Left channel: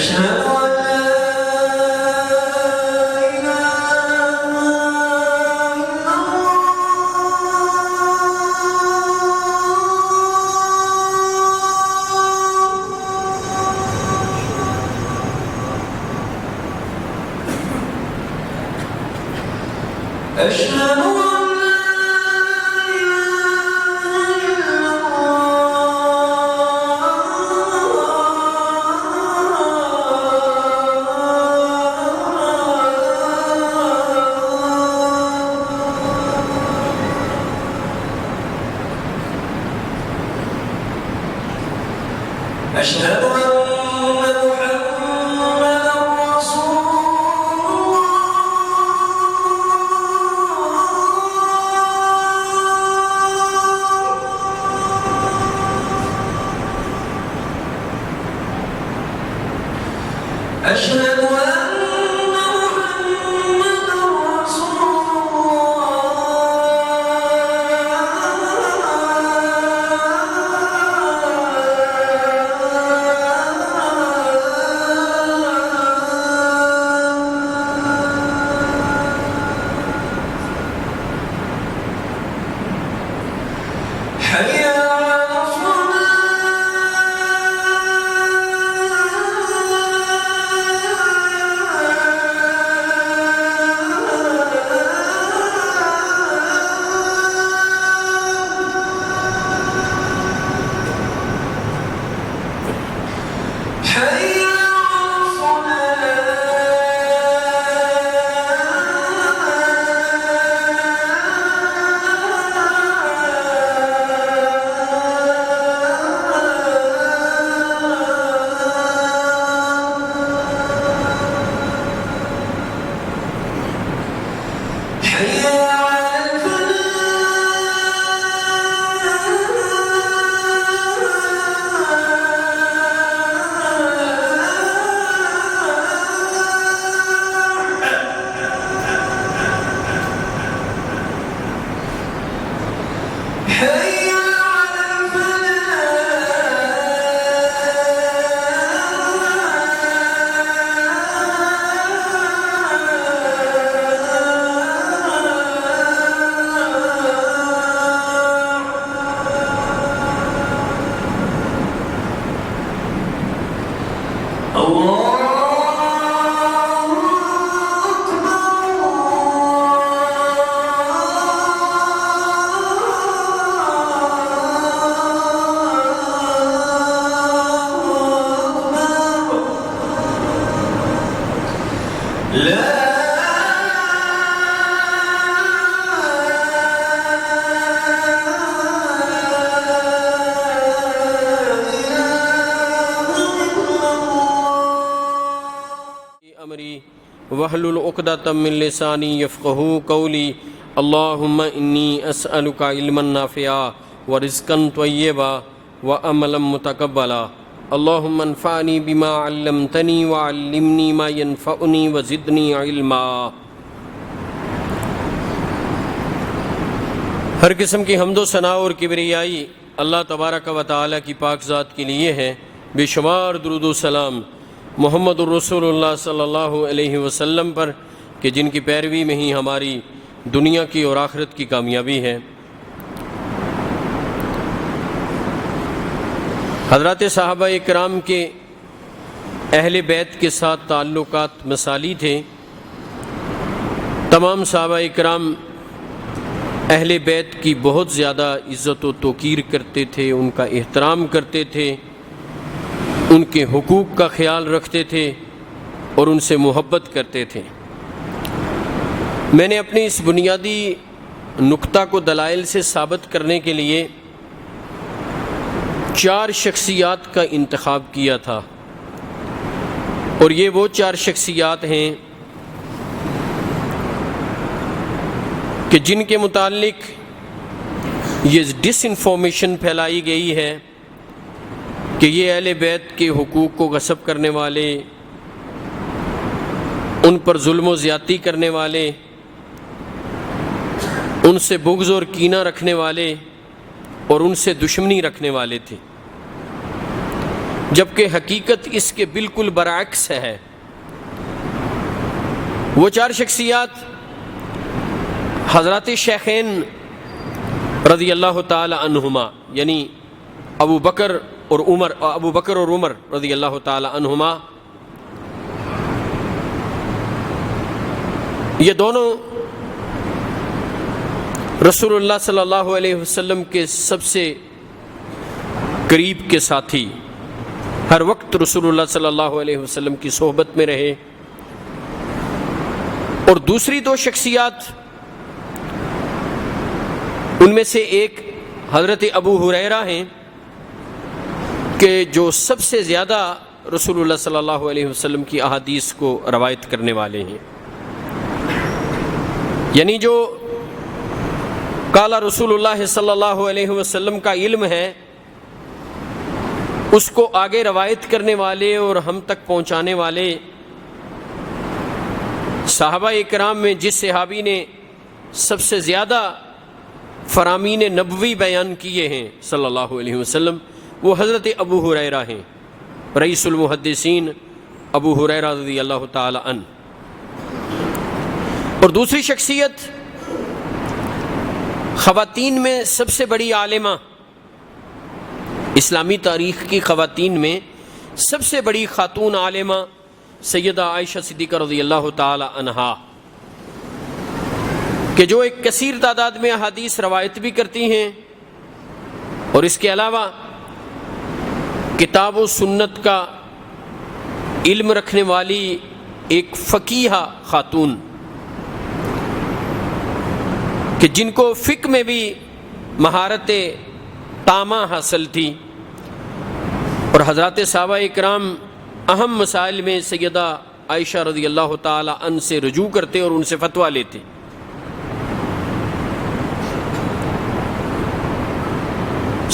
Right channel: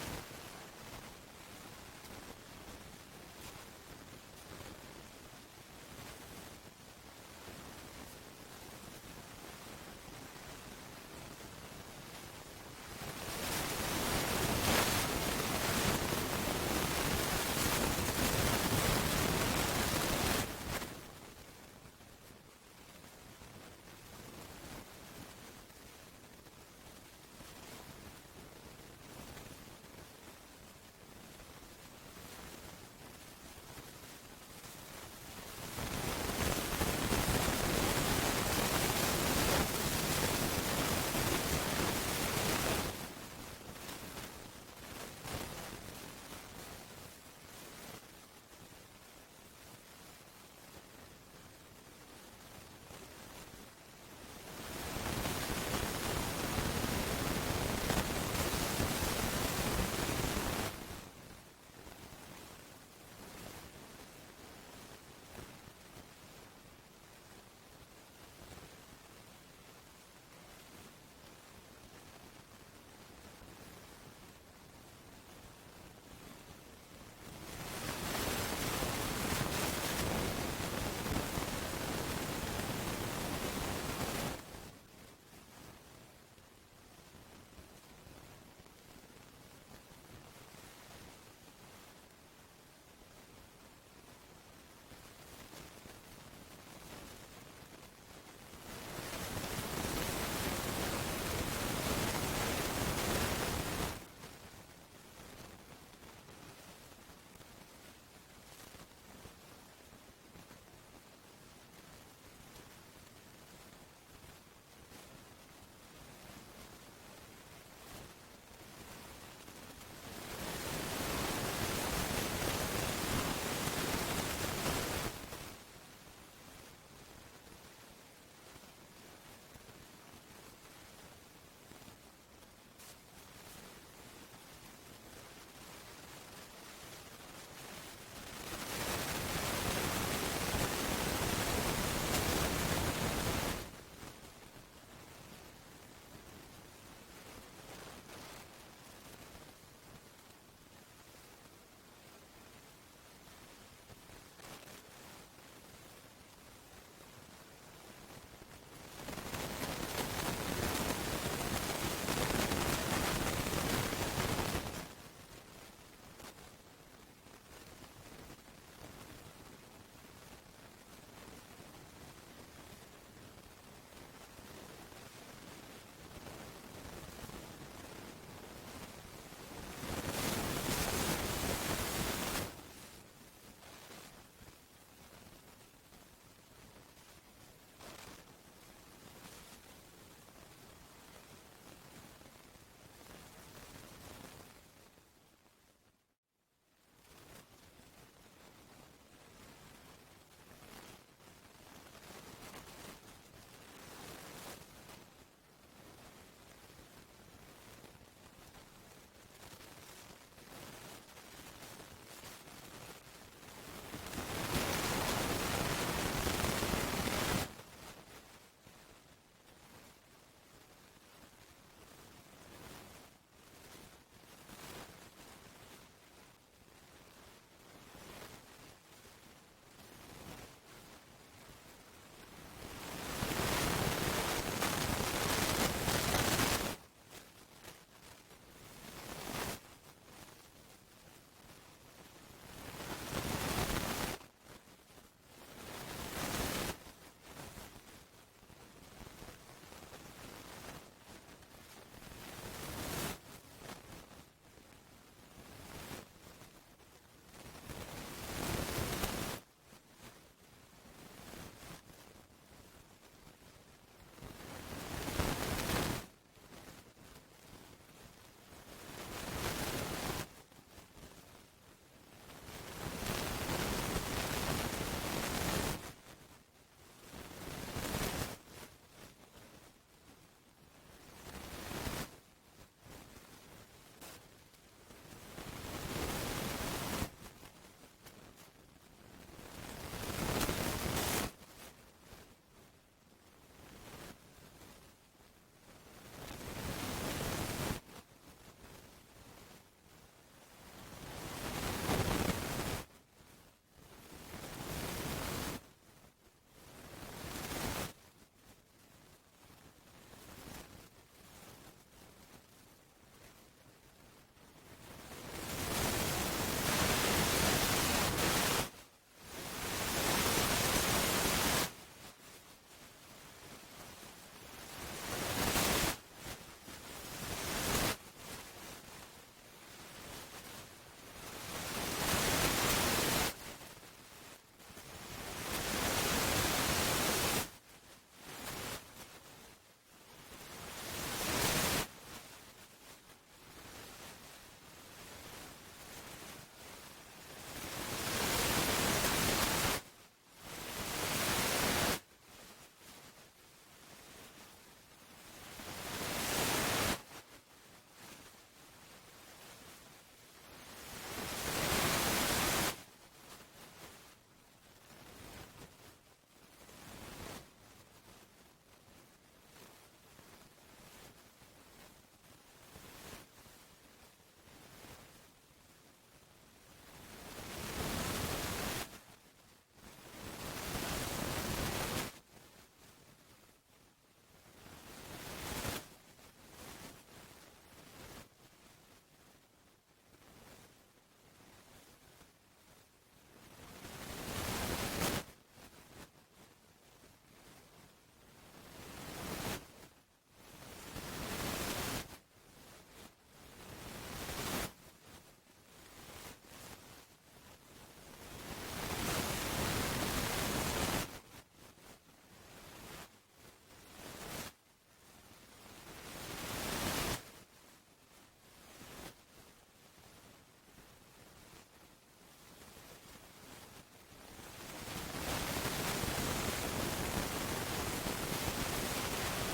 أشهد أن لا إله إلا الله. أشهد أشهد أن محمدًا رسول الله. أشهد أن محمدًا رسول حي على وحلل عقدۃ من لسانی یفقہوا قولی اللہم انی اسألک علما نافعا ورزقا طیبا وعملا متقبلا اللہم انفعنی بما علمتنی وعلمنی ما ینفعنی وزدنی علما۔ ہر قسم کی حمد و ثنا اور کبریائی اللہ تبارک و تعالیٰ کی پاک ذات کے لیے ہے۔ بے شمار درود و سلام محمد الرسول اللہ صلی اللہ علیہ وسلم پر کہ جن کی پیروی میں ہی ہماری دنیا کی اور آخرت کی کامیابی ہے۔ حضرات صحابہ اکرام کے اہل بیت کے ساتھ تعلقات مثالی تھے۔ تمام صحابہ اکرام اہل بیت کی بہت زیادہ عزت و توقیر کرتے تھے، ان کا احترام کرتے تھے، ان کے حقوق کا خیال رکھتے تھے اور ان سے محبت کرتے تھے۔ میں نے اپنی اس بنیادی نقطہ کو دلائل سے ثابت کرنے کے لیے 4 شخصیات کا انتخاب کیا تھا، اور یہ وہ 4 شخصیات ہیں کہ جن کے متعلق یہ ڈس انفارمیشن پھیلائی گئی ہے کہ یہ اہل بیت کے حقوق کو غصب کرنے والے، ان پر ظلم و زیادتی کرنے والے، ان سے بغض اور کینہ رکھنے والے اور ان سے دشمنی رکھنے والے تھے۔ جبکہ حقیقت اس کے بالکل برعکس ہے۔ وہ چار شخصیات حضرات شیخین رضی اللہ تعالی عنہما، یعنی ابو بکر اور عمر رضی اللہ تعالی عنہما، یہ دونوں رسول اللہ صلی اللہ علیہ وسلم کے سب سے قریب کے ساتھی، ہر وقت رسول اللہ صلی اللہ علیہ وسلم کی صحبت میں رہے۔ اور دوسری دو شخصیات، ان میں سے ایک حضرت ابو ہریرہ ہیں کہ جو سب سے زیادہ رسول اللہ صلی اللہ علیہ وسلم کی احادیث کو روایت کرنے والے ہیں، یعنی جو قال رسول اللہ صلی اللہ علیہ وسلم کا علم ہے اس کو آگے روایت کرنے والے اور ہم تک پہنچانے والے صحابہ اکرام میں جس صحابی نے سب سے زیادہ فرامین نبوی بیان کیے ہیں صلی اللہ علیہ وسلم، وہ حضرت ابو ہریرہ ہیں، رئیس المحدثین ابو ہریرہ رضی اللہ تعالی عنہ۔ اور دوسری شخصیت خواتین میں سب سے بڑی عالمہ، اسلامی تاریخ کی خواتین میں سب سے بڑی خاتون عالمہ سیدہ عائشہ صدیقہ رضی اللہ تعالی عنہا، کہ جو ایک کثیر تعداد میں احادیث روایت بھی کرتی ہیں اور اس کے علاوہ کتاب و سنت کا علم رکھنے والی ایک فقیہ خاتون، کہ جن کو فقہ میں بھی مہارت تامہ حاصل تھی، اور حضرات صحابہ اکرام اہم مسائل میں سیدہ عائشہ رضی اللہ تعالی عنہ سے رجوع کرتے اور ان سے فتویٰ لیتے۔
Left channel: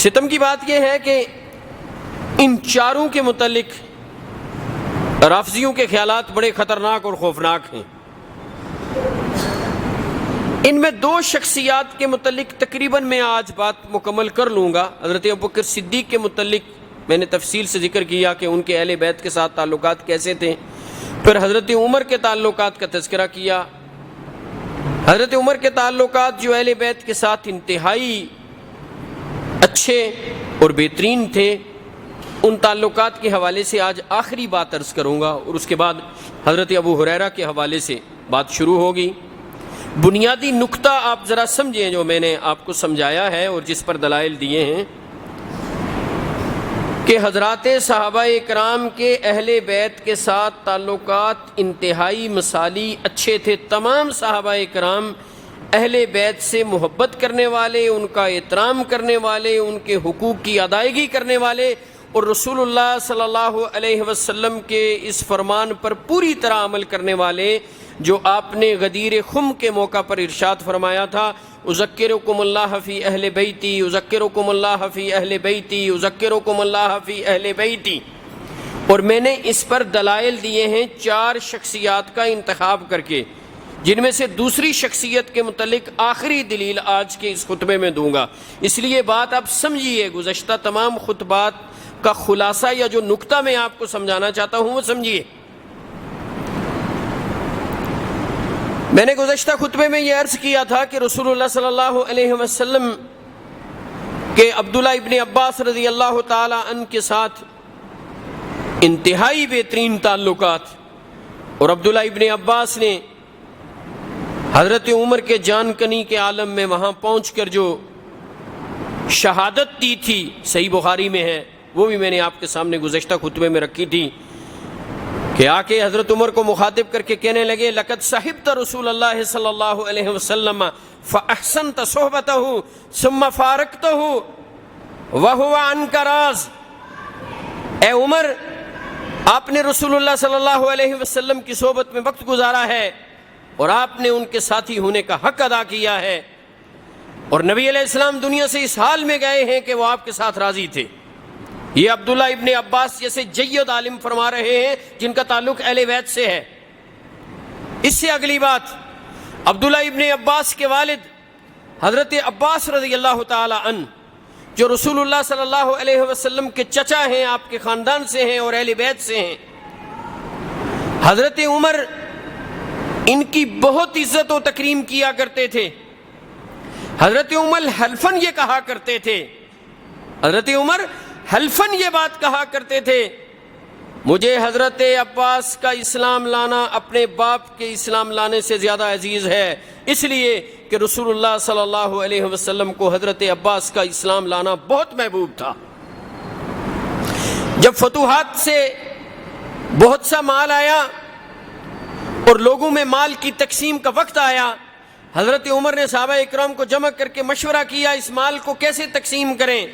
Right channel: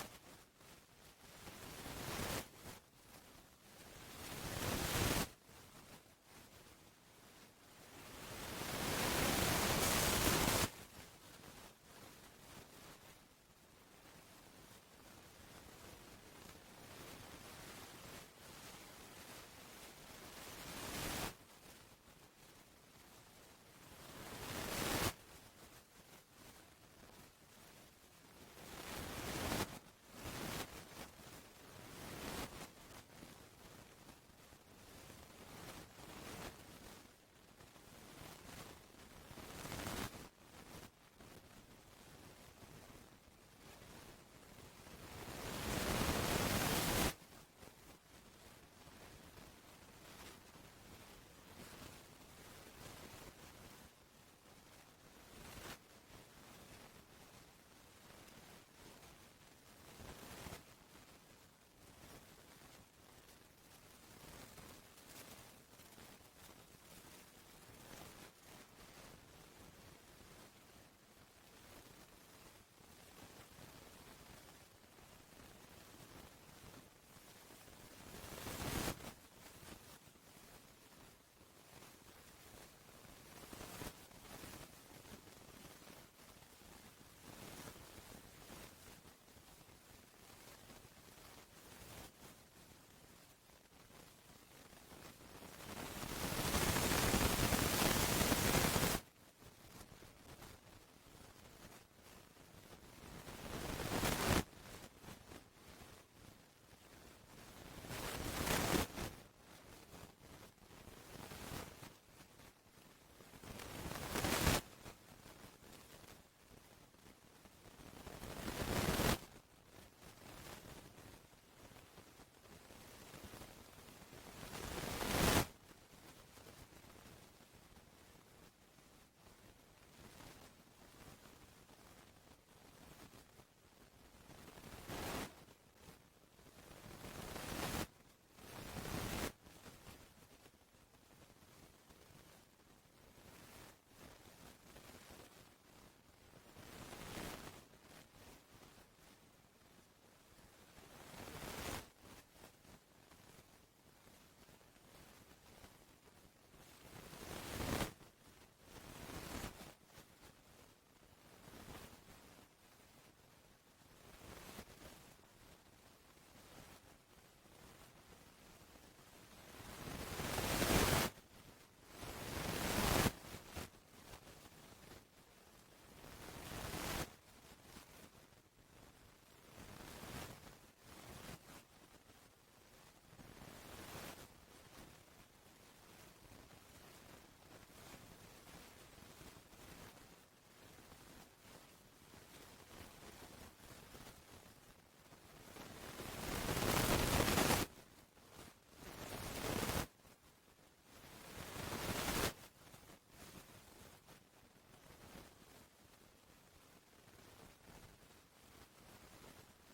ستم کی بات یہ ہے کہ ان چاروں کے متعلق رافضیوں کے خیالات بڑے خطرناک اور خوفناک ہیں۔ ان میں دو شخصیات کے متعلق تقریباً میں آج بات مکمل کر لوں گا۔ حضرت ابوبکر صدیق کے متعلق میں نے تفصیل سے ذکر کیا کہ ان کے اہل بیت کے ساتھ تعلقات کیسے تھے، پھر حضرت عمر کے تعلقات کا تذکرہ کیا۔ حضرت عمر کے تعلقات جو اہل بیت کے ساتھ انتہائی اچھے اور بہترین تھے، ان تعلقات کے حوالے سے آج آخری بات عرض کروں گا، اور اس کے بعد حضرت ابو ہریرہ کے حوالے سے بات شروع ہوگی۔ بنیادی نقطہ آپ ذرا سمجھیں جو میں نے آپ کو سمجھایا ہے اور جس پر دلائل دیے ہیں، کہ حضرات صحابہ اکرام کے اہل بیت کے ساتھ تعلقات انتہائی مثالی اچھے تھے۔ تمام صحابہ اکرام اہل بیت سے محبت کرنے والے، ان کا احترام کرنے والے، ان کے حقوق کی ادائیگی کرنے والے، اور رسول اللہ صلی اللہ علیہ وسلم کے اس فرمان پر پوری طرح عمل کرنے والے جو آپ نے غدیر خم کے موقع پر ارشاد فرمایا تھا، اذکرکم اللہ فی اہل بیتی، اذکرکم اللہ فی اہل بیتی، اذکرکم اللہ فی اہل بیتی۔ اور میں نے اس پر دلائل دیے ہیں چار شخصیات کا انتخاب کر کے، جن میں سے دوسری شخصیت کے متعلق آخری دلیل آج کے اس خطبے میں دوں گا۔ اس لیے بات آپ سمجھیے، گزشتہ تمام خطبات کا خلاصہ یا جو نقطہ میں آپ کو سمجھانا چاہتا ہوں وہ سمجھیے۔ میں نے گزشتہ خطبے میں یہ عرض کیا تھا کہ رسول اللہ صلی اللہ علیہ وسلم کے عبداللہ ابن عباس رضی اللہ تعالی عنہ کے ساتھ انتہائی بہترین تعلقات، اور عبداللہ ابن عباس نے حضرت عمر کے جان کنی کے عالم میں وہاں پہنچ کر جو شہادت دی تھی، صحیح بخاری میں ہے، وہ بھی میں نے آپ کے سامنے گزشتہ خطبے میں رکھی تھی، کہ آ کے حضرت عمر کو مخاطب کر کے کہنے لگے لقد صحبت رسول اللہ صلی اللہ علیہ وسلم فاحسنت صحبته ثم فارقته وهو عنك راز۔ اے عمر، آپ نے رسول اللہ صلی اللہ علیہ وسلم کی صحبت میں وقت گزارا ہے اور آپ نے ان کے ساتھی ہونے کا حق ادا کیا ہے، اور نبی علیہ السلام دنیا سے اس حال میں گئے ہیں کہ وہ آپ کے ساتھ راضی تھے۔ یہ عبداللہ ابن عباس جیسے جید عالم فرما رہے ہیں جن کا تعلق اہل بیت سے ہے۔ اس سے اگلی بات، عبداللہ ابن عباس کے والد حضرت عباس رضی اللہ تعالی عنہ جو رسول اللہ صلی اللہ علیہ وسلم کے چچا ہیں، آپ کے خاندان سے ہیں اور اہل بیت سے ہیں، حضرت عمر ان کی بہت عزت و تکریم کیا کرتے تھے۔ حضرت عمر حلفاً یہ کہا کرتے تھے، حضرت عمر حلفاً یہ بات کہا کرتے تھے، مجھے حضرت عباس کا اسلام لانا اپنے باپ کے اسلام لانے سے زیادہ عزیز ہے، اس لیے کہ رسول اللہ صلی اللہ علیہ وسلم کو حضرت عباس کا اسلام لانا بہت محبوب تھا۔ جب فتوحات سے بہت سا مال آیا اور لوگوں میں مال کی تقسیم کا وقت آیا، حضرت عمر نے صحابہ اکرام کو جمع کر کے مشورہ کیا اس مال کو کیسے تقسیم کریں۔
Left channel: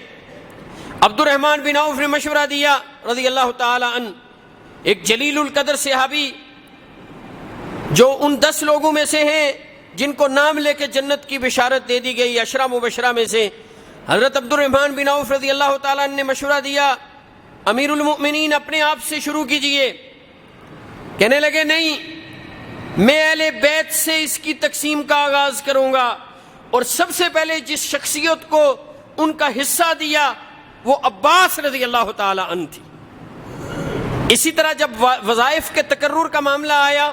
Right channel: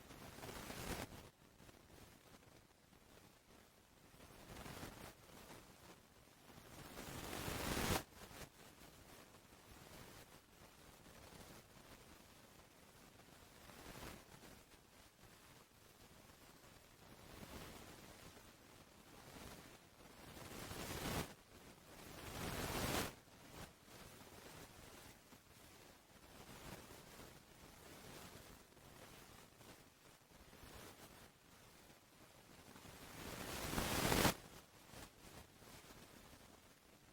عبد الرحمن بن عوف نے مشورہ دیا رضی اللہ تعالی عنہ، ایک جلیل القدر صحابی جو ان 10 لوگوں میں سے ہیں جن کو نام لے کے جنت کی بشارت دے دی گئی، 10 مبشرہ میں سے حضرت عبد الرحمن بن عوف رضی اللہ تعالیٰ عنہ نے مشورہ دیا، امیر المؤمنین اپنے آپ سے شروع کیجئے۔ کہنے لگے نہیں، میں اہل بیت سے اس کی تقسیم کا آغاز کروں گا، اور سب سے پہلے جس شخصیت کو ان کا حصہ دیا وہ عباس رضی اللہ تعالیٰ عنہ تھی۔ اسی طرح جب وظائف کے تقرر کا معاملہ آیا،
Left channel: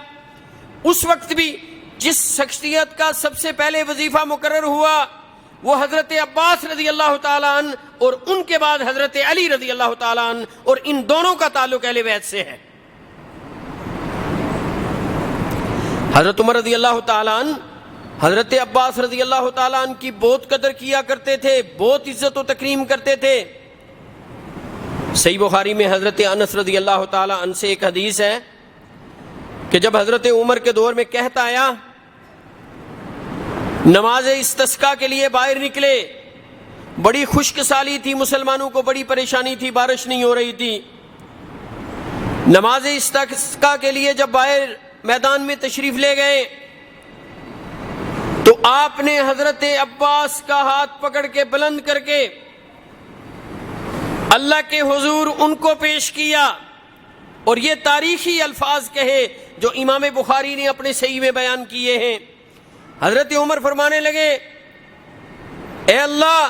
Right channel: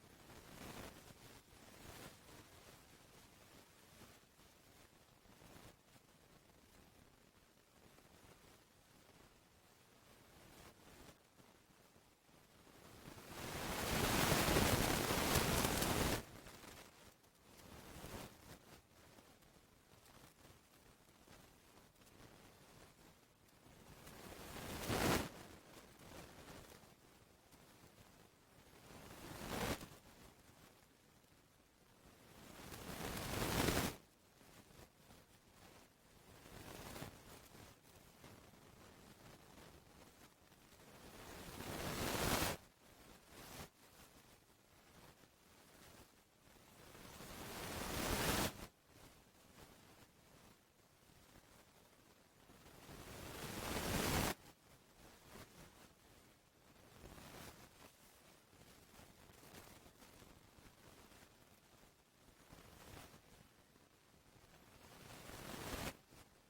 اس وقت بھی جس شخصیت کا سب سے پہلے وظیفہ مقرر ہوا وہ حضرت عباس رضی اللہ تعالیٰ عنہ، اور ان کے بعد حضرت علی رضی اللہ تعالیٰ عنہ، اور ان دونوں کا تعلق اہل بیت سے ہے۔ حضرت عمر رضی اللہ تعالیٰ عنہ حضرت عباس رضی اللہ تعالیٰ عنہ کی بہت قدر کیا کرتے تھے، بہت عزت و تکریم کرتے تھے۔ صحیح بخاری میں حضرت انس رضی اللہ تعالیٰ عنہ سے ایک حدیث ہے کہ جب حضرت عمر کے دور میں قحط آیا، نماز استسقاء کے لیے باہر نکلے، بڑی خشک سالی تھی، مسلمانوں کو بڑی پریشانی تھی، بارش نہیں ہو رہی تھی۔ نماز استسقاء کے لیے جب باہر میدان میں تشریف لے گئے تو آپ نے حضرت عباس کا ہاتھ پکڑ کے بلند کر کے اللہ کے حضور ان کو پیش کیا، اور یہ تاریخی الفاظ کہے جو امام بخاری نے اپنے صحیح میں بیان کیے ہیں۔ حضرت عمر فرمانے لگے، اے اللہ،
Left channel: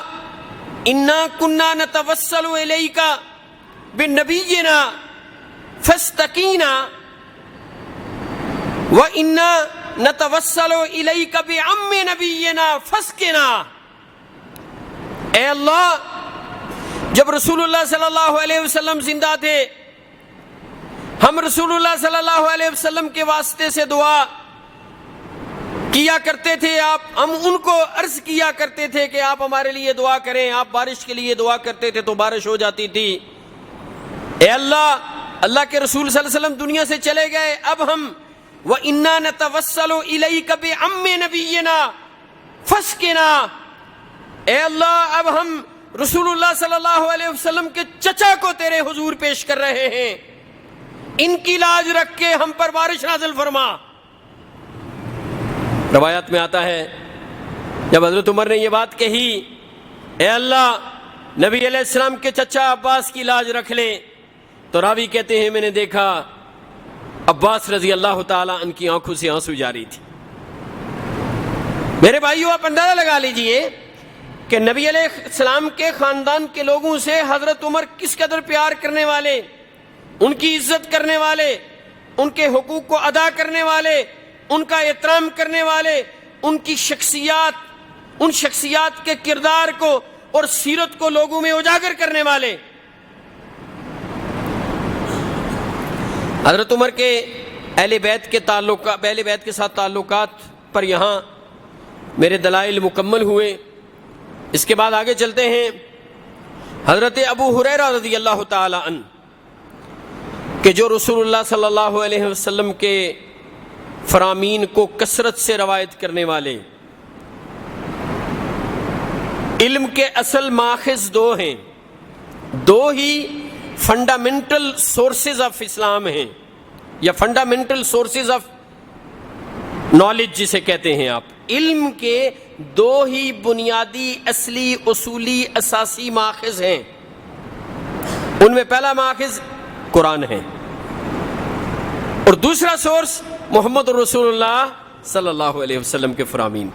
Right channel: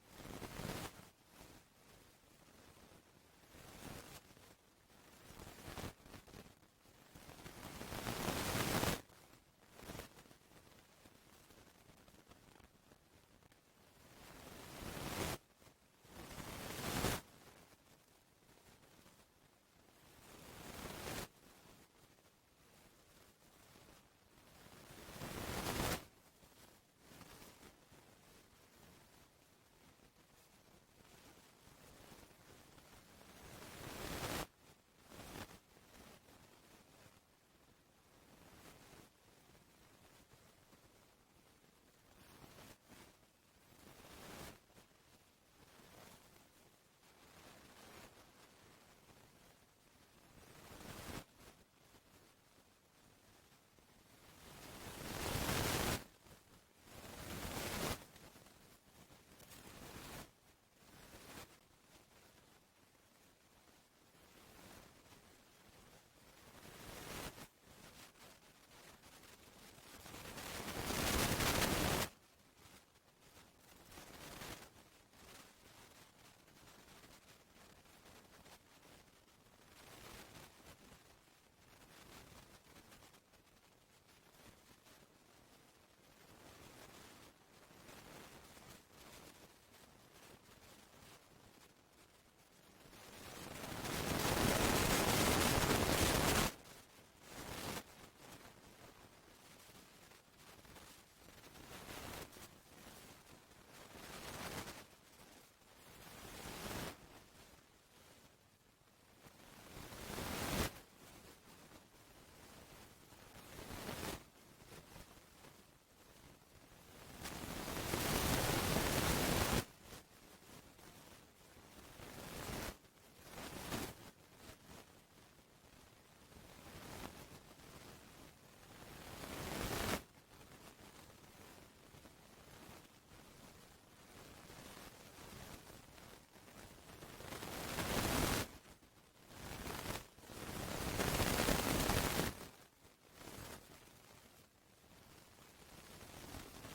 انا کنا نتوسل الیک بنبینا فاستقینا وانا نتوسل الیک بعم نبینا فاسقنا۔ اے اللہ، جب رسول اللہ صلی اللہ علیہ وسلم زندہ تھے، ہم رسول اللہ صلی اللہ علیہ وسلم کے واسطے سے دعا کیا کرتے تھے، ہم ان کو عرض کیا کرتے تھے کہ آپ ہمارے لیے دعا کریں، آپ بارش کے لیے دعا کرتے تھے تو بارش ہو جاتی تھی۔ اے اللہ، اللہ کے رسول صلی اللہ علیہ وسلم دنیا سے چلے گئے، اب ہم وَإِنَّا نَتَوَسَّلُ إِلَيْكَ بِعَمِّ نَبِيِّنَا فَاسْقِنَا۔ اے اللہ، اب ہم رسول اللہ صلی اللہ علیہ وسلم کے چچا کو تیرے حضور پیش کر رہے ہیں، ان کی لاج رکھ کے ہم پر بارش نازل فرما۔ روایات میں آتا ہے جب حضرت عمر نے یہ بات کہی، اے اللہ، نبی علیہ السلام کے چچا عباس کی لاج رکھ لے، تو راوی کہتے ہیں میں نے دیکھا عباس رضی اللہ تعالیٰ عنہ کی آنکھوں سے آنسو جاری تھی۔ میرے بھائیو، آپ اندازہ لگا لیجئے کہ نبی علیہ السلام کے خاندان کے لوگوں سے حضرت عمر کس قدر پیار کرنے والے، ان کی عزت کرنے والے، ان کے حقوق کو ادا کرنے والے، ان کا احترام کرنے والے، ان کی شخصیات، ان شخصیات کے کردار کو اور سیرت کو لوگوں میں اجاگر کرنے والے۔ حضرت عمر کے اہل بیت کے ساتھ تعلقات پر یہاں میرے دلائل مکمل ہوئے۔ اس کے بعد آگے چلتے ہیں۔ حضرت ابو ہریرہ رضی اللہ تعالی عنہ کہ جو رسول اللہ صلی اللہ علیہ وسلم کے فرامین کو کثرت سے روایت کرنے والے، علم کے اصل ماخذ دو ہیں، دو ہی فنڈامنٹل سورسز آف اسلام ہیں، یا فنڈامنٹل سورسز آف نالج جسے کہتے ہیں آپ۔ علم کے دو ہی بنیادی اصلی اصولی اساسی ماخذ ہیں، ان میں پہلا ماخذ قرآن ہے اور دوسرا سورس محمد رسول اللہ صلی اللہ علیہ وسلم کے فرامین۔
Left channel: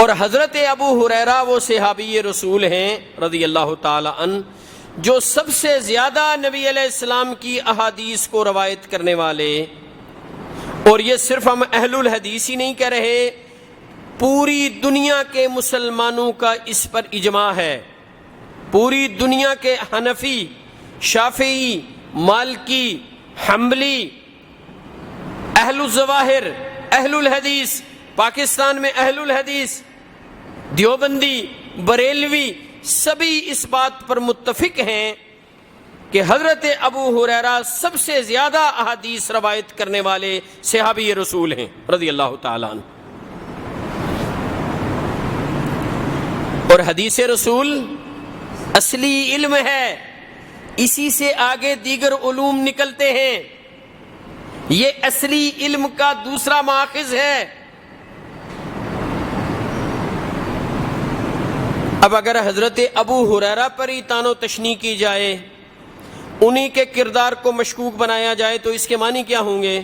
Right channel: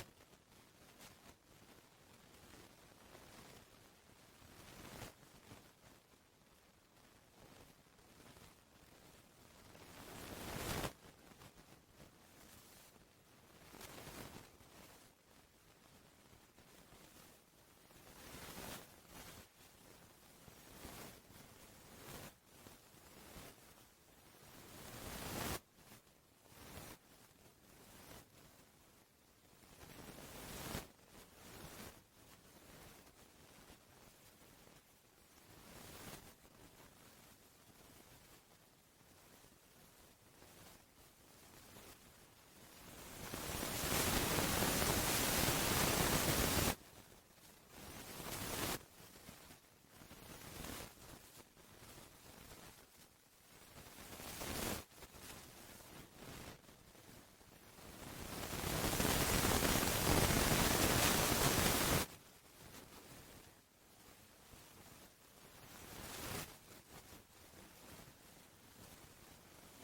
اور حضرت ابو ہریرہ وہ صحابی رسول ہیں رضی اللہ تعالی عنہ جو سب سے زیادہ نبی علیہ السلام کی احادیث کو روایت کرنے والے، اور یہ صرف ہم اہل الحدیث ہی نہیں کہہ رہے، پوری دنیا کے مسلمانوں کا اس پر اجماع ہے، پوری دنیا کے حنفی، شافعی، مالکی، حنبلی، اہل الظواہر، اہل الحدیث، پاکستان میں اہل الحدیث، دیوبندی، بریلوی، سبھی اس بات پر متفق ہیں کہ حضرت ابو ہریرہ سب سے زیادہ احادیث روایت کرنے والے صحابی رسول ہیں رضی اللہ تعالیٰ عنہ۔ اور حدیث رسول اصلی علم ہے، اسی سے آگے دیگر علوم نکلتے ہیں، یہ اصلی علم کا دوسرا ماخذ ہے۔ اب اگر حضرت ابو ہریرہ پر ہی تان و تشنیع کی جائے، انہی کے کردار کو مشکوک بنایا جائے، تو اس کے معنی کیا ہوں گے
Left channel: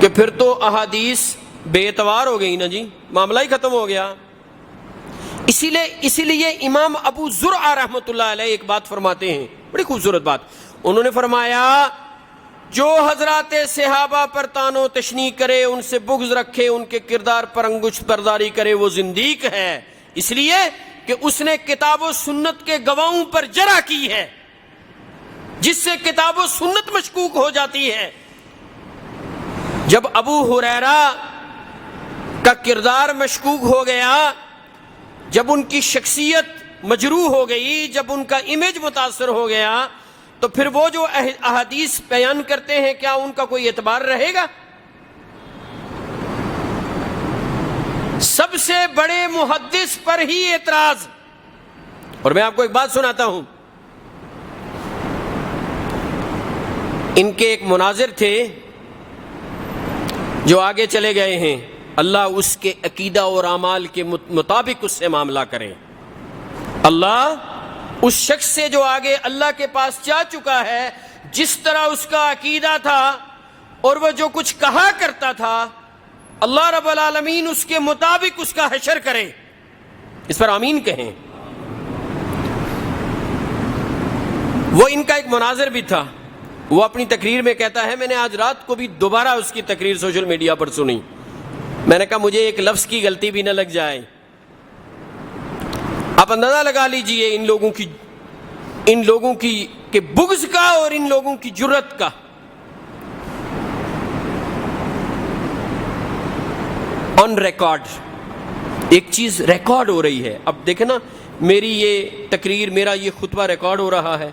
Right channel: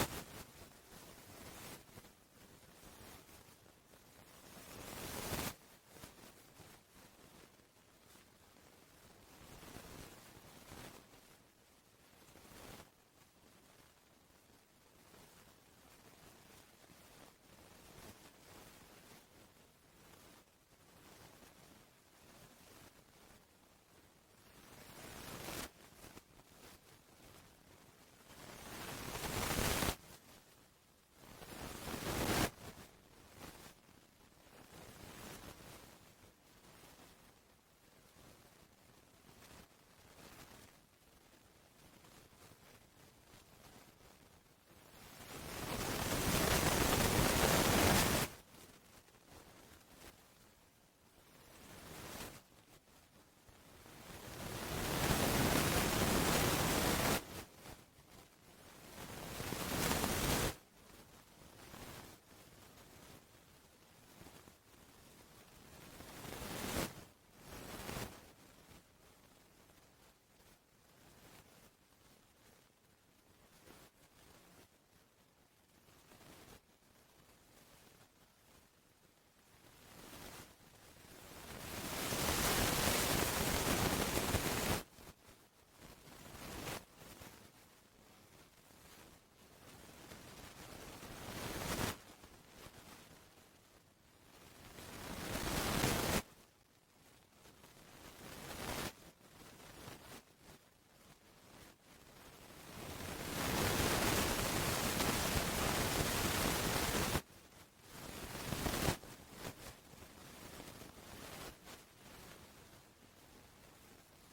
کہ پھر تو احادیث بے اعتبار ہو گئی نا جی، معاملہ ہی ختم ہو گیا۔ اسی لیے امام ابو زرعہ رحمۃ اللہ علیہ ایک بات فرماتے ہیں، بڑی خوبصورت بات، انہوں نے فرمایا جو حضرات صحابہ پر تان و تشنیع کرے، ان سے بغض رکھے، ان کے کردار پر انگشت برداری کرے، وہ زندیق ہے، اس لیے کہ اس نے کتاب و سنت کے گواہوں پر جرح کی ہے، جس سے کتاب و سنت مشکوک ہو جاتی ہے۔ جب ابو ہریرہ کا کردار مشکوک ہو گیا، جب ان کی شخصیت مجروح ہو گئی، جب ان کا امیج متاثر ہو گیا، تو پھر وہ جو احادیث بیان کرتے ہیں کیا ان کا کوئی اعتبار رہے گا؟ سب سے بڑے محدث پر ہی اعتراض۔ اور میں آپ کو ایک بات سناتا ہوں، ان کے ایک مناظر تھے جو آگے چلے گئے ہیں، اللہ اس کے عقیدہ اور اعمال کے مطابق اس سے معاملہ کرے۔ اللہ اس شخص سے جو آگے اللہ کے پاس جا چکا ہے، جس طرح اس کا عقیدہ تھا اور وہ جو کچھ کہا کرتا تھا، اللہ رب العالمین اس کے مطابق اس کا حشر کرے۔ اس پر آمین کہیں۔ وہ ان کا ایک مناظر بھی تھا، وہ اپنی تقریر میں کہتا ہے، میں نے آج رات کو بھی دوبارہ اس کی تقریر سوشل میڈیا پر سنی، میں نے کہا مجھے ایک لفظ کی غلطی بھی نہ لگ جائے۔ آپ اندازہ لگا لیجئے ان لوگوں کی کہ بغض کا اور ان لوگوں کی جرت کا۔ آن ریکارڈ ایک چیز ریکارڈ ہو رہی ہے، اب دیکھیں نا، میری یہ تقریر، میرا یہ خطبہ ریکارڈ ہو رہا ہے،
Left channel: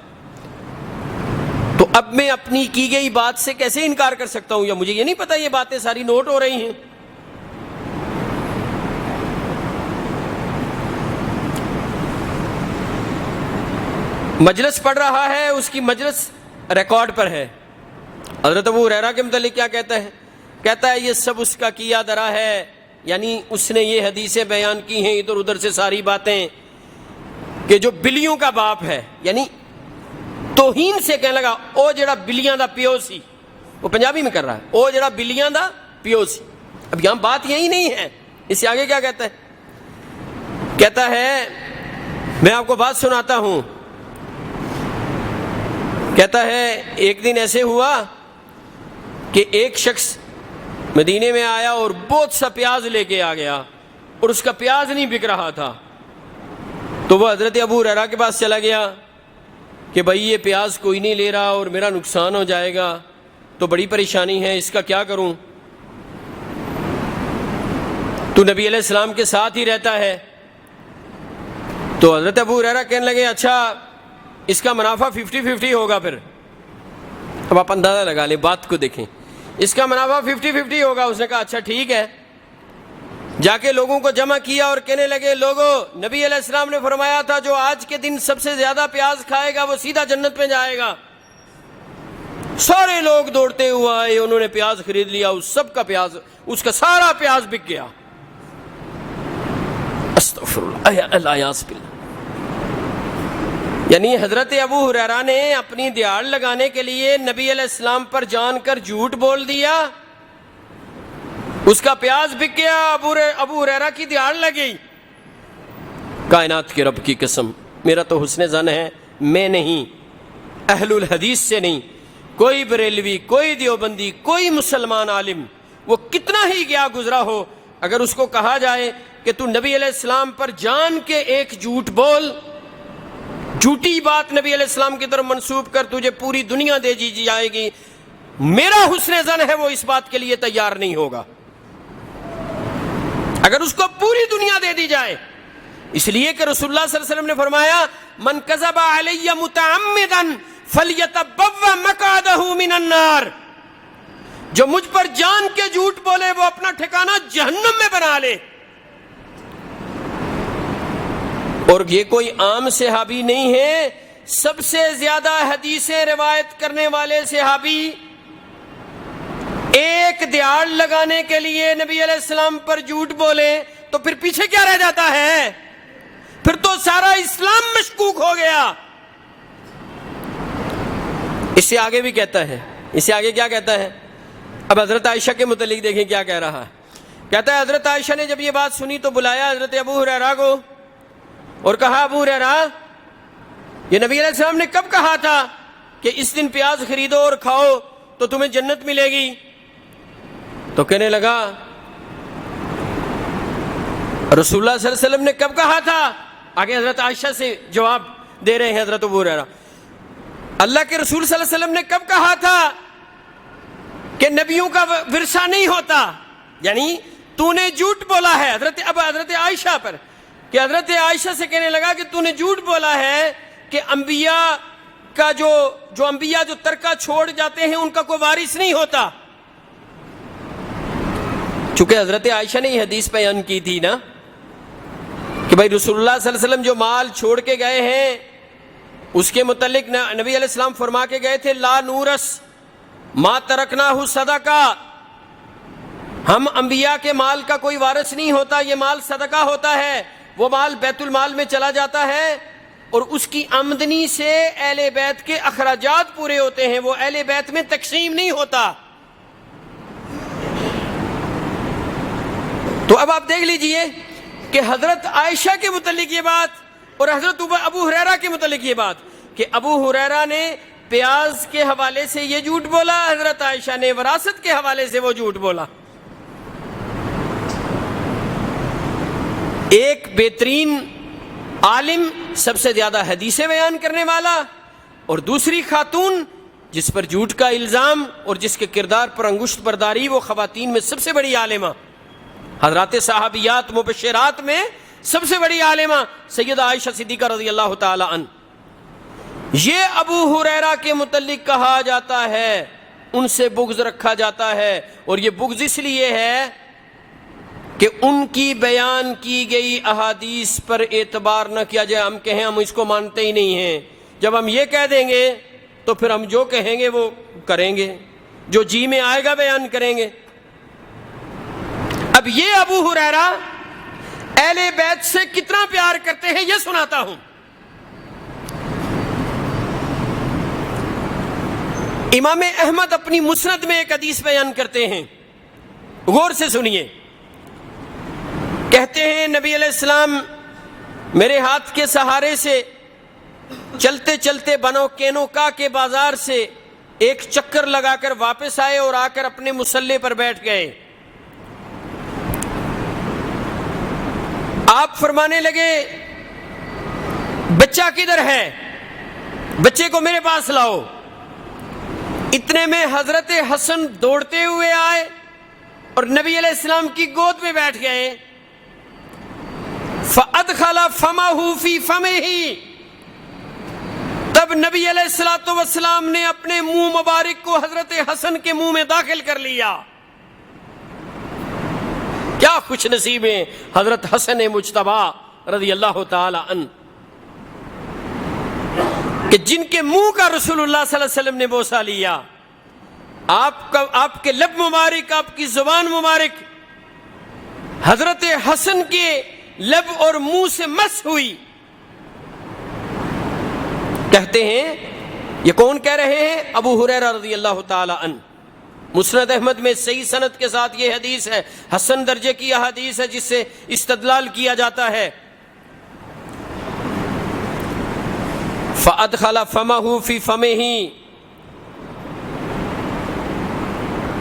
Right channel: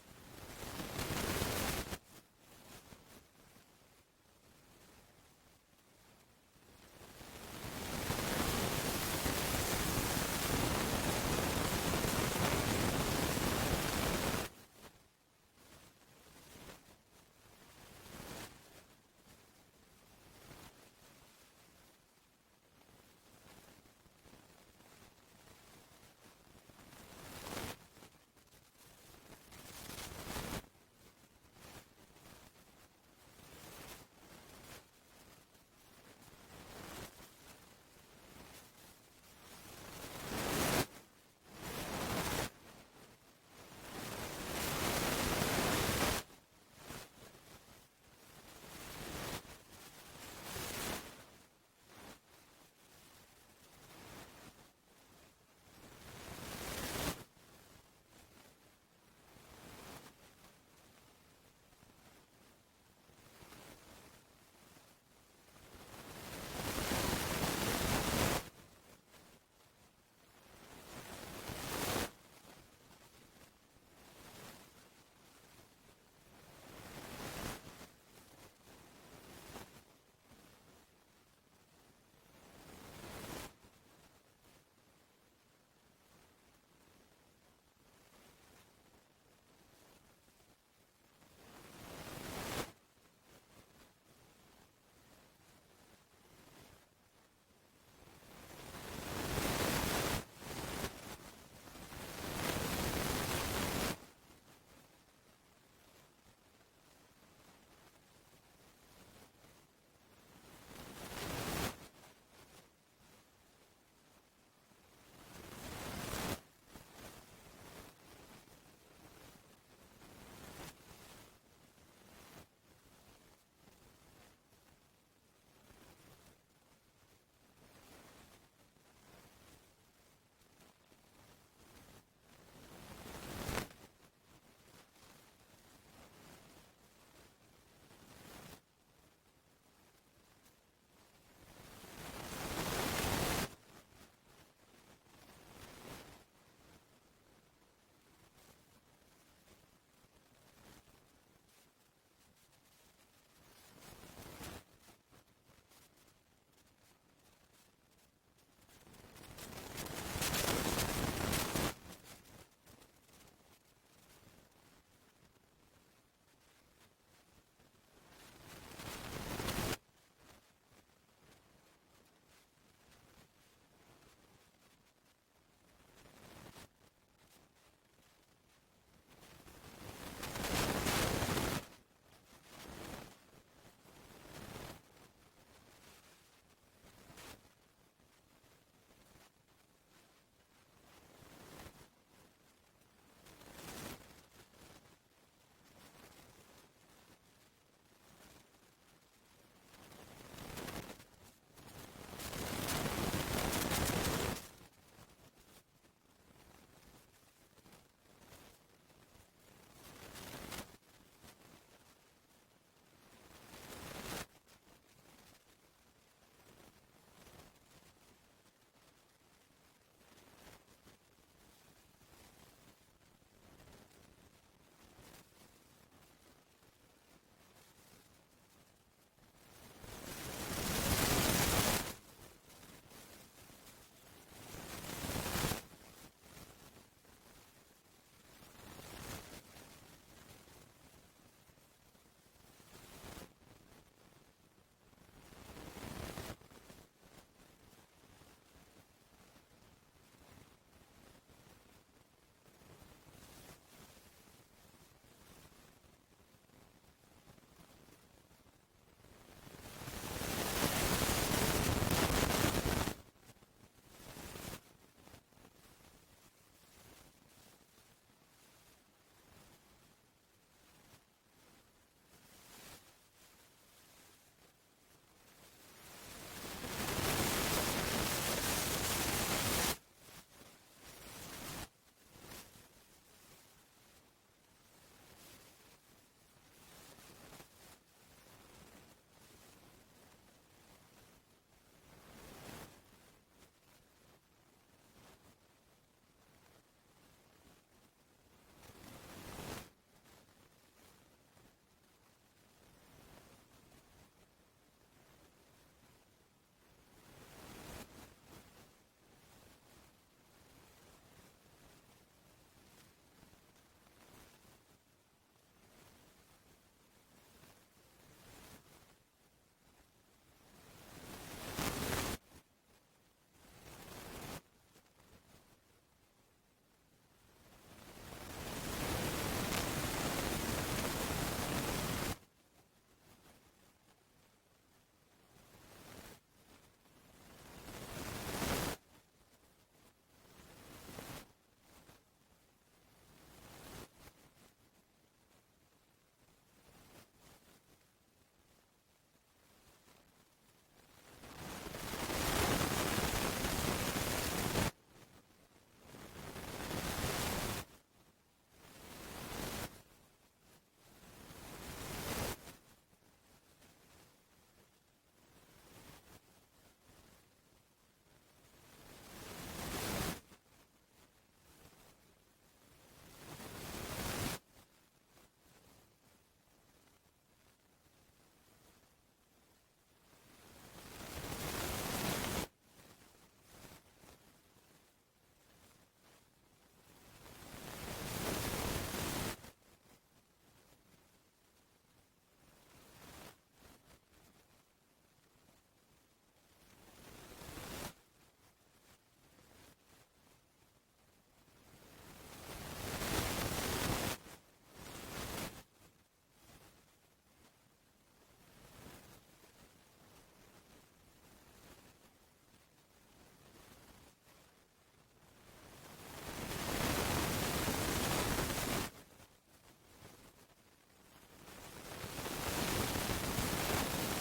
تو اب میں اپنی کی گئی بات سے کیسے انکار کر سکتا ہوں؟ یا مجھے یہ نہیں پتا یہ باتیں ساری نوٹ ہو رہی ہیں؟ مجلس پڑھ رہا ہے، اس کی مجلس ریکارڈ پر ہے۔ حضرت ابو ہریرہ کے متعلق کیا کہتا ہے؟ کہتا ہے یہ سب اس کا کیا درا ہے، یعنی اس نے یہ حدیثیں بیان کی ہیں ادھر ادھر سے ساری باتیں، کہ جو بلیوں کا باپ ہے، یعنی توہین سے کہنے لگا او جڑا بلیاں دا پیو سی، وہ پنجابی میں کر رہا ہے، او جڑا بلیاں دا پیو سی۔ اب یہاں بات یہی نہیں ہے، اس سے آگے کیا کہتا ہے؟ کہتا ہے میں آپ کو بات سناتا ہوں، کہتا ہے ایک دن ایسے ہوا کہ ایک شخص مدینے میں آیا اور بہت سا پیاز لے کے آ گیا، اور اس کا پیاز نہیں بک رہا تھا، تو وہ حضرت ابو ہریرہ کے پاس چلا گیا کہ بھائی یہ پیاز کوئی نہیں لے رہا اور میرا نقصان ہو جائے گا، تو بڑی پریشانی ہے، اس کا کیا کروں؟ تو نبی علیہ السلام کے ساتھ ہی رہتا ہے۔ تو حضرت ابو ہریرہ کہنے لگے اچھا اس کا منافع 50-50 ہوگا۔ پھر اب آپ اندازہ لگا لیں، بات کو دیکھیں، اس کا منافع 50-50 ہوگا۔ اس نے کہا اچھا ٹھیک ہے، جا کے لوگوں کو جمع کیا اور کہنے لگے لوگوں، نبی علیہ السلام نے فرمایا تھا جو آج کے دن سب سے زیادہ پیاز کھائے گا وہ سیدھا جنت میں جائے گا۔ سارے لوگ دوڑتے ہوئے آئے، انہوں نے پیاز خرید لیا، اس سب کا پیاز، اس کا سارا پیاز بک گیا۔ استغفر اللہ، یعنی حضرت ابو ہریرہ نے اپنی دیاڑ لگانے کے لیے نبی علیہ السلام پر جان کر جھوٹ بول دیا، اس کا پیاز بک گیا، ابو ہریرہ کی دیہڑ لگ گئی۔ کائنات کے رب کی قسم، میرا تو حسن ظن ہے، میں نہیں، اہل الحدیث سے نہیں، کوئی بریلوی، کوئی دیوبندی، کوئی مسلمان عالم، وہ کتنا ہی گیا گزرا ہو، اگر اس کو کہا جائے کہ تو نبی علیہ السلام پر جان کے ایک جھوٹ بول، جھوٹی بات نبی علیہ السلام کی طرف منسوب کر، تجھے پوری دنیا دے دی جائے گی، میرا حسن ظن ہے وہ اس بات کے لیے تیار نہیں ہوگا، اگر اس کو پوری دنیا دے دی جائے۔ اس لیے کہ رسول اللہ صلی اللہ علیہ وسلم نے فرمایا من کذب علی متعمدا فلیتبوأ مقعدہ من النار، جو مجھ پر جان کے جھوٹ بولے وہ اپنا ٹھکانہ جہنم میں بنا لے۔ اور یہ کوئی عام صحابی نہیں ہے، سب سے زیادہ حدیثیں روایت کرنے والے صحابی، ایک دیہڑ لگانے کے لیے نبی علیہ السلام پر جھوٹ بولے تو پھر پیچھے کیا رہ جاتا ہے؟ پھر تو سارا اسلام مشکوک ہو گیا۔ اس سے آگے بھی کہتا ہے، اس سے آگے کیا کہتا ہے؟ اب حضرت عائشہ کے متعلق دیکھیں کیا کہہ رہا ہے۔ کہتا ہے حضرت عائشہ نے جب یہ بات سنی تو بلایا حضرت ابو ہریرہ کو اور کہا ابو ہریرہ، یہ نبی علیہ السلام نے کب کہا تھا کہ اس دن پیاز خریدو اور کھاؤ تو تمہیں جنت ملے گی؟ تو کہنے لگا رسول اللہ صلی اللہ علیہ وسلم نے کب کہا تھا؟ آگے حضرت عائشہ سے جواب دے رہے ہیں حضرت ابو ہریرہ، اللہ کے رسول صلی اللہ علیہ وسلم نے کب کہا تھا کہ نبیوں کا ورثہ نہیں ہوتا؟ یعنی تو نے جھوٹ بولا ہے حضرت عائشہ پر، کہ حضرت عائشہ سے کہنے لگا کہ تو نے جھوٹ بولا ہے کہ انبیاء کا جو انبیاء جو ترکہ چھوڑ جاتے ہیں ان کا کوئی وارث نہیں ہوتا۔ چونکہ حضرت عائشہ نے یہ حدیث بیان کی تھی نا کہ بھائی رسول اللہ صلی اللہ علیہ وسلم جو مال چھوڑ کے گئے ہیں اس کے متعلق نبی علیہ السلام فرما کے گئے تھے لا نورث ما ترکناہ صدقہ، ہم انبیاء کے مال کا کوئی وارث نہیں ہوتا، یہ مال صدقہ ہوتا ہے، وہ مال بیت المال میں چلا جاتا ہے اور اس کی آمدنی سے اہل بیت کے اخراجات پورے ہوتے ہیں، وہ اہل بیت میں تقسیم نہیں ہوتا۔ تو اب آپ دیکھ لیجئے کہ حضرت عائشہ کے متعلق یہ بات اور حضرت ابو ہریرہ کے متعلق یہ بات کہ ابو ہریرہ نے پیاز کے حوالے سے یہ جھوٹ بولا، حضرت عائشہ نے وراثت کے حوالے سے وہ جھوٹ بولا۔ ایک بہترین عالم، سب سے زیادہ حدیثیں بیان کرنے والا، اور دوسری خاتون جس پر جھوٹ کا الزام اور جس کے کردار پر انگشت برداری، وہ خواتین میں سب سے بڑی عالمہ، حضرات صحابیات مبشرات میں سب سے بڑی عالمہ سیدہ عائشہ صدیقہ رضی اللہ تعالی عنہ، یہ ابو ہریرہ کے متعلق کہا جاتا ہے ان سے بغض رکھا جاتا ہے، اور یہ بغض اس لیے ہے کہ ان کی بیان کی گئی احادیث پر اعتبار نہ کیا جائے، ہم کہیں ہم اس کو مانتے ہی نہیں ہیں، جب ہم یہ کہہ دیں گے تو پھر ہم جو کہیں گے وہ کریں گے، جو جی میں آئے گا بیان کریں گے۔ اب یہ ابو ہریرہ اہل بیت سے کتنا پیار کرتے ہیں یہ سناتا ہوں۔ امام احمد اپنی مسند میں ایک حدیث بیان کرتے ہیں، غور سے سنیے۔ کہتے ہیں نبی علیہ السلام میرے ہاتھ کے سہارے سے چلتے چلتے بنو کینوکا کے بازار سے ایک چکر لگا کر واپس آئے اور آ کر اپنے مصلی پر بیٹھ گئے۔ آپ فرمانے لگے بچہ کدھر ہے؟ بچے کو میرے پاس لاؤ۔ اتنے میں حضرت حسن دوڑتے ہوئے آئے اور نبی علیہ السلام کی گود میں بیٹھ گئے۔ فَأَدْخَلَ فَمَهُ فِي فَمِهِ، تب نبی علیہ السلام نے اپنے منہ مبارک کو حضرت حسن کے منہ میں داخل کر لیا۔ کیا خوش نصیب ہیں حضرت حسن مجتبی رضی اللہ تعالی عنہ کہ جن کے منہ کا رسول اللہ صلی اللہ علیہ وسلم نے بوسہ لیا۔ آپ کے لب مبارک، آپ کی زبان مبارک حضرت حسن کے لب اور منہ سے مس ہوئی۔ کہتے ہیں یہ کون کہہ رہے ہیں؟ ابو ہریرہ رضی اللہ تعالی عنہ۔ مسند احمد میں صحیح سند کے ساتھ یہ حدیث ہے، حسن درجے کی احادیث ہے جس سے استدلال کیا جاتا ہے۔ فَأَدْخَلَ فَمَهُ فِي فَمِهِ،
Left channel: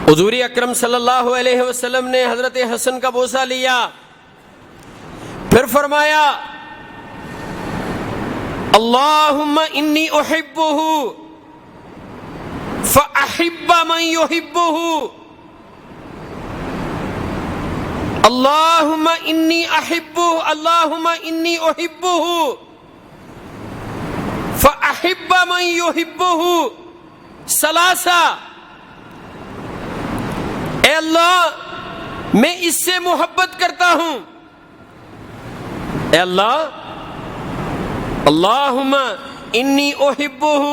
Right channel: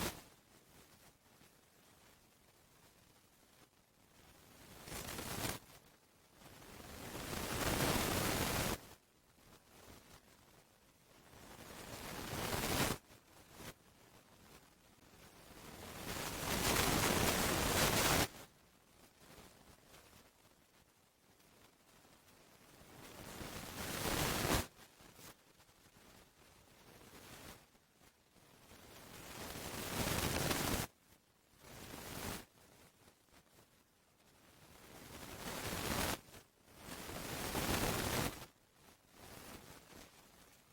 حضور اکرم صلی اللہ علیہ وسلم نے حضرت حسن کا بوسہ لیا، پھر فرمایا اللہم انی احبہ فاحب من یحبہ، اللہم انی احبہ، اللہم انی احبہ فاحب من یحبہ ثلاثہ۔ اے اللہ میں اس سے محبت کرتا ہوں، اے اللہ اللہم انی احبہ،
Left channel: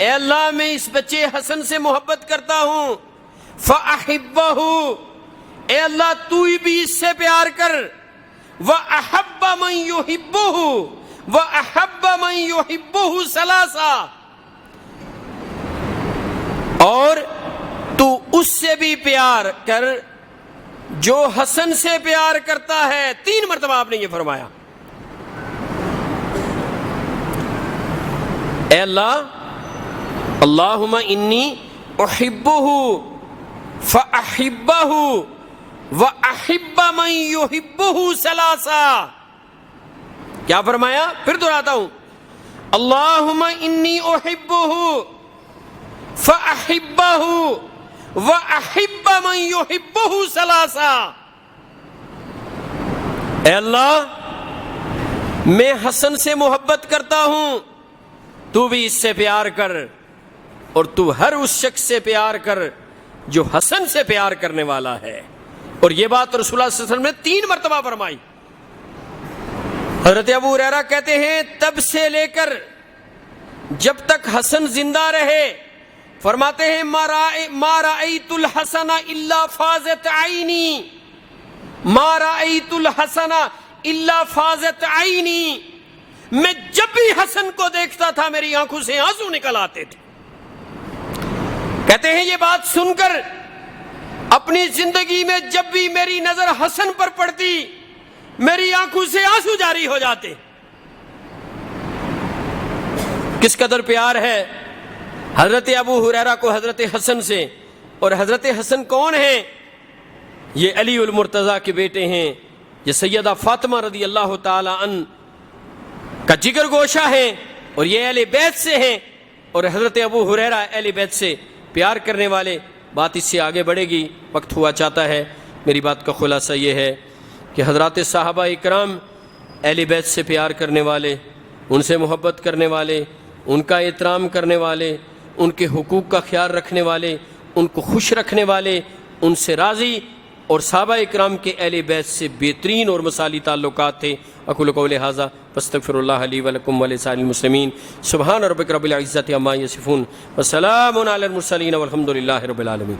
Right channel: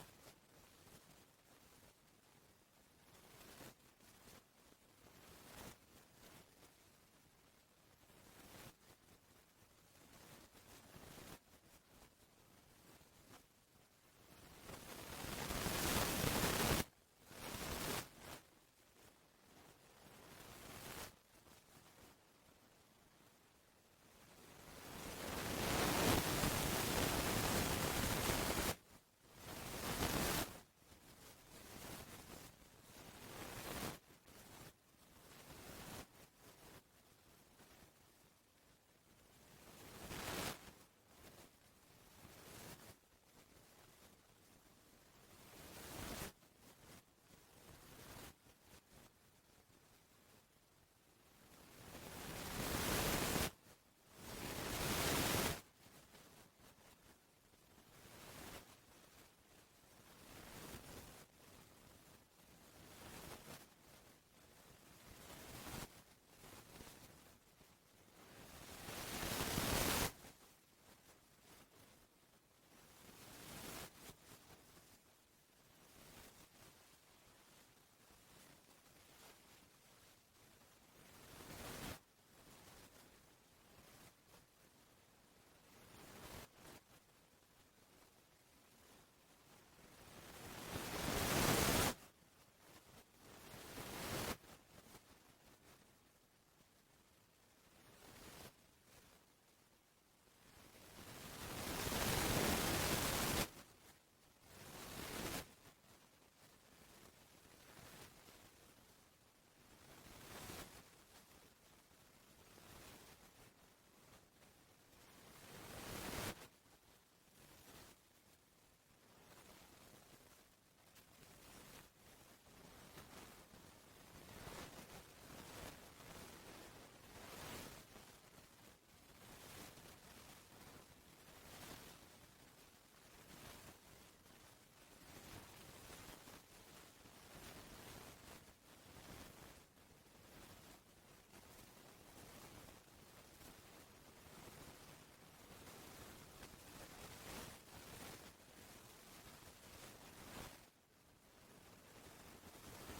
اے اللہ میں اس بچے حسن سے محبت کرتا ہوں، فاحبہ، اے اللہ تو بھی اس سے پیار کر، واحب من یحبہ، واحب من یحبہ ثلاثہ، اور تو اس سے بھی پیار کر جو حسن سے پیار کرتا ہے۔ 3 مرتبہ آپ نے یہ فرمایا۔ اے اللہ اللہم انی احبہ فاحبہ واحب من یحبہ ثلاثہ۔ کیا فرمایا؟ پھر دہراتا ہوں، اللہم انی احبہ فاحبہ وَأَحِبَّ مَن يُحِبُّهُ ثَلَاثًا۔ اے اللہ میں حسن سے محبت کرتا ہوں، تو بھی اس سے پیار کر، اور تو ہر اس شخص سے پیار کر جو حسن سے پیار کرنے والا ہے۔ اور یہ بات رسول اللہ صلی اللہ علیہ وسلم نے 3 مرتبہ فرمائی۔ حضرت ابو ہریرہ کہتے ہیں تب سے لے کر جب تک حسن زندہ رہے، فرماتے ہیں ما رأیت الحسن الا فازت عینی، ما رأیت الحسن الا فازت عینی، میں جب بھی حسن کو دیکھتا تھا میری آنکھوں سے آنسو نکل آتے تھے۔ کہتے ہیں یہ بات سن کر اپنی زندگی میں جب بھی میری نظر حسن پر پڑتی میری آنکھوں سے آنسو جاری ہو جاتے۔ کس قدر پیار ہے حضرت ابو ہریرہ کو حضرت حسن سے۔ اور حضرت حسن کون ہیں؟ یہ علی المرتضیٰ کے بیٹے ہیں، یہ سیدہ فاطمہ رضی اللہ تعالی عنہ کا جگر گوشہ ہیں، اور یہ اہل بیت سے ہیں، اور حضرت ابو ہریرہ اہل بیت سے پیار کرنے والے۔ بات اس سے آگے بڑھے گی، وقت ہوا چاہتا ہے۔ میری بات کا خلاصہ یہ ہے کہ حضرات صحابہ اکرام اہل بیت سے پیار کرنے والے، ان سے محبت کرنے والے، ان کا احترام کرنے والے، ان کے حقوق کا خیال رکھنے والے، ان کو خوش رکھنے والے، ان سے راضی، اور صحابہ اکرام کے اہل بیت سے بہترین اور مثالی تعلقات تھے۔ اقول قولی ھذا واستغفر اللہ لی ولکم ولسائر المسلمین۔ سبحان ربک رب العزۃ عما یصفون وسلام علی المرسلین والحمد للہ رب العالمین۔